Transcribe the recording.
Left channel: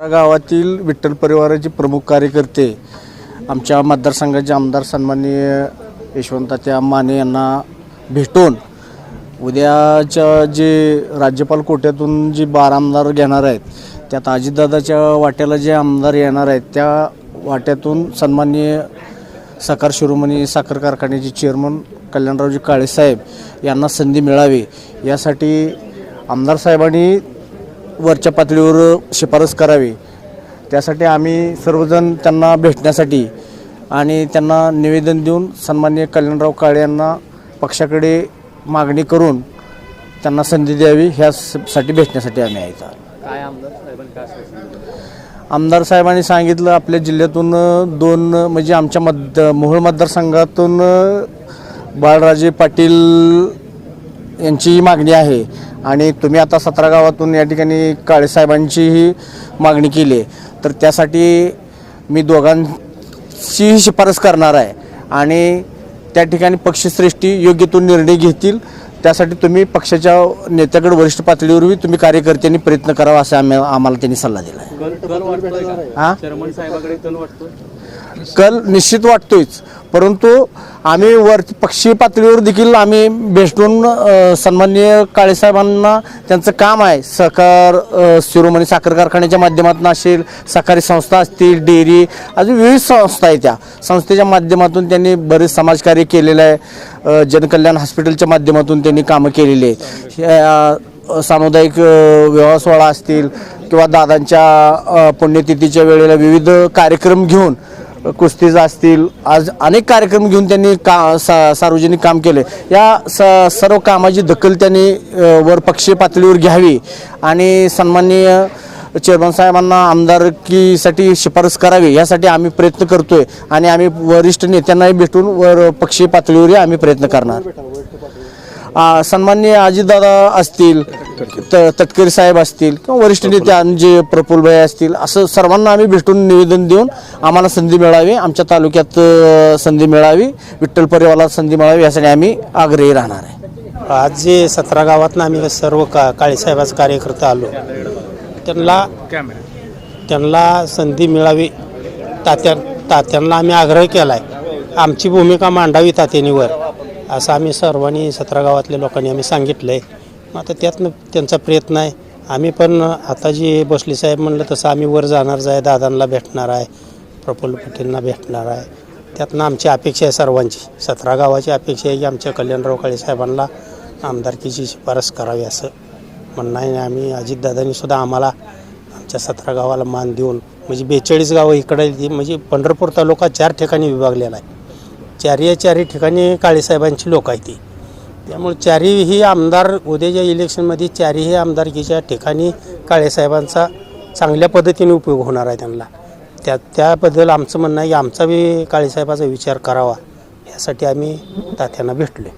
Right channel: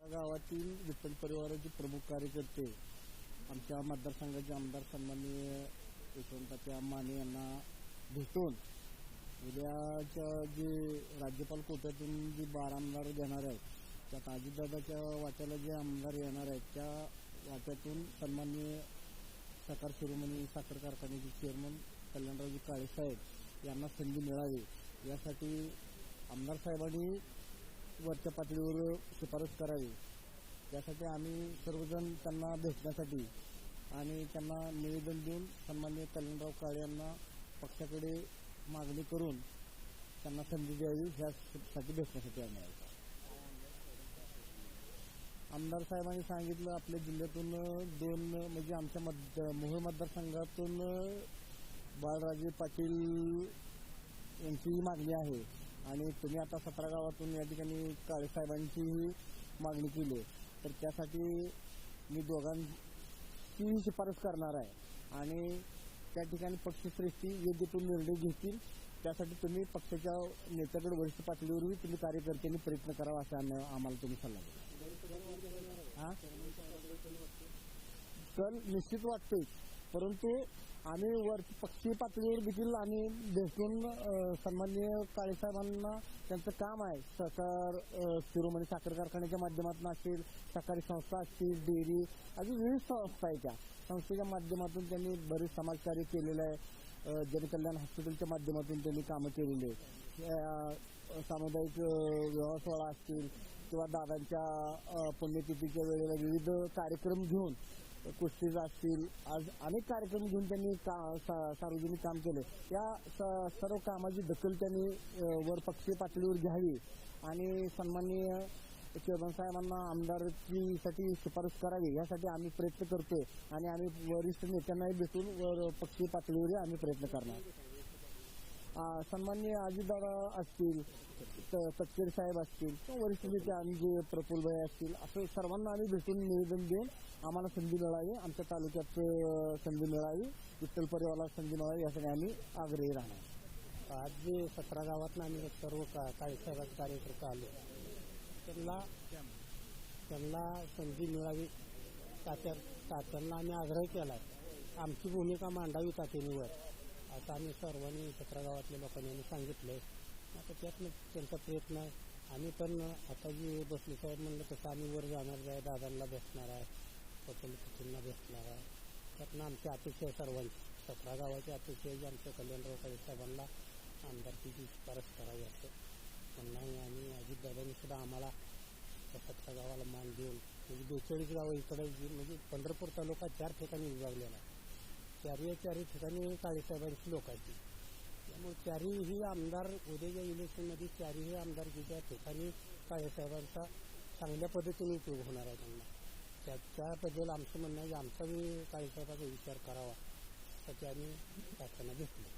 गावातील विठ्ठल परिवाराचे प्रमुख कार्यकर्ते आमच्या मतदारसंघाचे आमदार सन्माननीय यशवंताच्या माने यांना भेटून उद्याच्या जे राज्यपाल कोट्यातून जे बारा आमदार घेणार आहेत त्यात अजितदादाच्या वाट्याला जे आमदार येणार आहेत त्या वाट्यातून सन्माननीय साखर शिरोमणी साखर कारखान्याचे चेअरमन कल्याणरावजी काळेसाहेब यांना संधी मिळावी. यासाठी आमदार साहेबांनी वरच्या पातळीवर शिफारस करावी. त्यासाठी आम्ही सर्वजण त्यांना भेटण्यासाठी आणि त्यांना निवेदन देऊन सन्माननीय कल्याणराव काळे यांना पक्षाकडे मागणी करून त्यांना संधी द्यावी ह्यासाठी भेटण्यासाठी आम्ही. काय आमदार साहेबांनी सांगितलं? आमदार साहेबांनी सांगितलं आपल्या जिल्ह्यातून दोन म्हणजे आमच्या मत मोहोळ मतदारसंघातून बाळराजे पाटील यांची मागणी आहे. आणि तुम्ही आता सतरा गावातून या ठिकाणी काळेसाहेबांचीही मागणी केली आहे. तर त्यासाठी मी दोघांचीही शिफारस करणार आहे आणि त्या ठिकाणी पक्षश्रेष्ठी योग्य तो निर्णय घेतील. त्यासाठी तुम्ही पक्षाच्या नेत्याकडे वरिष्ठ पातळीवरही तुम्ही कार्यकर्त्यांनी प्रयत्न करावा असा आम्ही आम्हाला त्यांनी सल्ला दिला आहे. कल निश्चित वाटतोयच. परंतु आम्ही वर पक्षीय पातळीवर देखील आम्ही भेटून सन्माननीय काळेसाहेबांना त्यांचं काम आहे. सहकार शिरोमणी साखर कारखान्याच्या माध्यमातून असेल सहकारी संस्था असतील डेअरी अजून विविध संस्था आहेत त्या. संस्थेच्या माध्यमातून त्यांनी बरेच समाजकार्य केलेलं आहे. जनकल्याण हॉस्पिटलच्या माध्यमातून त्यांनी कामं केलेली आहेत. सामुदायिक विवाह सोहळा असतील किंवा दादांच्या पुण्यतिथीच्या वेळेला विविध कार्यक्रम घेऊन कुस्तीज असतील आज अनेक कार्यक्रम घेऊन त्यांनी का सा सार्वजनिक काम केले. या स सर्व कामाची दखल त्यांनी वर पक्षीय पातळीवर घ्यावी आणि सन्माननीय चेअरमन साहेबांना आमदारकीसाठी शिफारस करावी यासाठी आम्ही प्रयत्न करतोय आणि आम्ही वरिष्ठ नेत्यांनाही भेटून वर पक्षीय पातळीवरही आम्ही प्रयत्न करणार. सन्माननीय अजितदादा असतील त- तटकरे साहेब असतील किंवा वरिष्ठ नेते जे प्रफुल्लभाई असतील असं सर्वांना आम्ही भेटून निवेदन देऊन आम्हाला संधी मिळावी आमच्या तालुक्यात अ, संधी मिळावी विठ्ठल परिवाराला संधी मिळावी यासाठी आम्ही आग्रही राहणार आहे. आज जे सतरा गावातनं आम्ही सर्व का काळेसाहेबाचे कार्यकर्ते आलो त्यांना त्यांना संधी मिळावी तात्या तात्यांना आम्ही आग्रह केला आहे आमची भूमिका मांडावी तात्यानीवर असं आम्ही सर्वांनी सतरा गावातल्या लोकांनी आम्ही सांगितलं आहे आता त्यातनं त्यांचा प्रयत्न आहे. आम्ही पण आता जे बसले साहेब म्हणलं तसं आम्ही वर जाणारच आहे दादांना भेटणार आहे प्रफुल्ल पटेलना भेटणार आहे. त्यातनं आमची अपेक्षा आहे सर्वांची. सतरा गावाची अपेक्षा आहे की आमच्या कल्याणराव काळे साहेबांना आमदारकीची शिफारस करावी असं म्हणणं आहे. आम्ही अजितदादांनी सुद्धा आम्हाला आमच्या सतरा गावाला मान देऊन म्हणजे बेचाळीस गावं इकडे म्हणजे पंढरपूर तालुका चार ठिकाणी विभागलेला आहे. चारही चारही ठिकाणी काळेसाहेबांची लोक आहेत ती. त्यामुळे चारही आमदार उद्याच्या इलेक्शनमध्ये चारही आमदारकीच्या ठिकाणी काळेसाहेबांचा चांगल्या पद्धतीने उपयोग होणार आहे त्यांना. त्या त्याबद्दल आमचं म्हणणं आहे की आमचा बी काळेसाहेबाचा विचार करावा. यासाठी आम्ही तात्यांना भेटलो